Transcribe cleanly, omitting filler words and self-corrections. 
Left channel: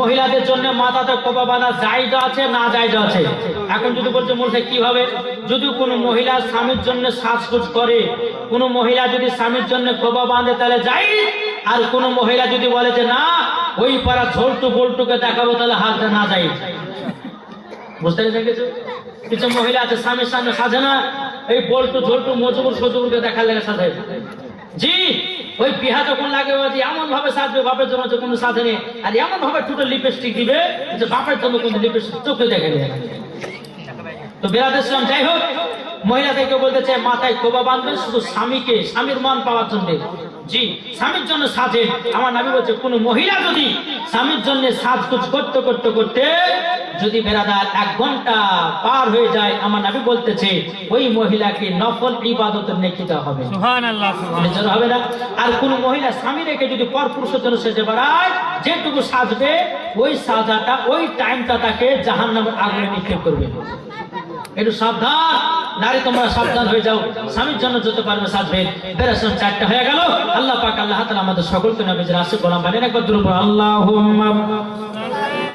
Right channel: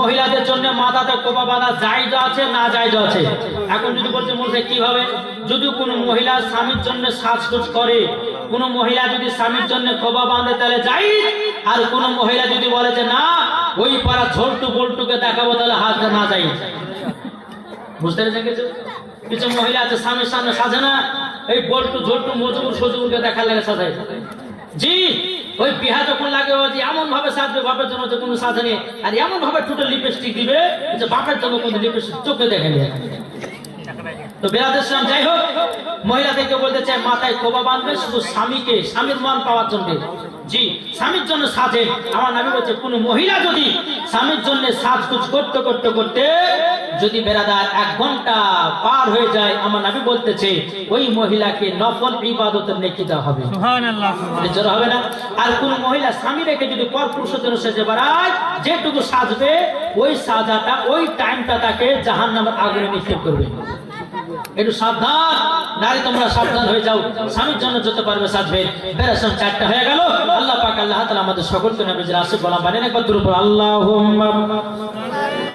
মহিলাদের জন্য মাথাতে কোপা বাঁধা জায়েজ আছে না জায়েজ আছে। এখন যদি বলছে মুসাই কিভাবে, যদি কোনো মহিলা স্বামীর জন্য সাজগোজ করে, কোনো মহিলা যদি স্বামীর জন্য কোপা বাঁধে তাহলে জায়েজ, আর কোনো মহিলা যদি বলে যে না ওই পাড়া ঝোলটু বল্টুকে দেখাবো তাহলে হাত না জায়েজ। বুঝতে পেরেছেন? কিছু মহিলা আছে স্বামীর সামনে সাজে না, এই বল্টু ঝোলটু মজুর সজুরকে দেখালে সাজে। জি ওই বিহা যখন লাগে এমন ভাবে সাজবে বাপের জন্য যখন সাজেনি, আর এমন ভাবে টোটাল লিপস্টিক দিবে যে বাপের জন্য কোনো লিপস্টিক চোখে দেখেনি। তো বেরাদের ইসলাম যাই হোক, মহিলাদেরকে বলতেছে মাথায় খোবা বাঁধবে শুধু স্বামীকে, স্বামীর মান পাওয়ার জন্য। জি স্বামীর জন্য সাজে। আমার নবী বলছে কোন মহিলা যদি স্বামীর জন্য সাজগোজ করতে করতে করতে যদি বেরাদার 1 ঘন্টা পার হয়ে যায়, আমার নবী বলতেছে ওই মহিলাকে নফল ইবাদতের নেকি দেওয়া হবে। সুবহানাল্লাহ, সুবহানাল্লাহ হবে না। আর কোন মহিলা স্বামী রেখে যদি পরপুরুষের জন্য সেজে বেড়ায়, যেটুকু সাজবে ওই সাজাটা ওই টাইমটা তাকে জাহান্নামের আগুনে নিক্ষেপ করবে। একটু সাবধান নারী, তোমরা সাবধান হয়ে যাও, স্বামীর জন্য যত পারবে সাজবে। বেরাসান 4টা হয়ে গেল। আল্লাহ পাক আল্লাহ তাআলা আমাদের সকলকে নবীর রাসূল গোলাম বানিয়ে রাখবে। আল্লাহুম্মা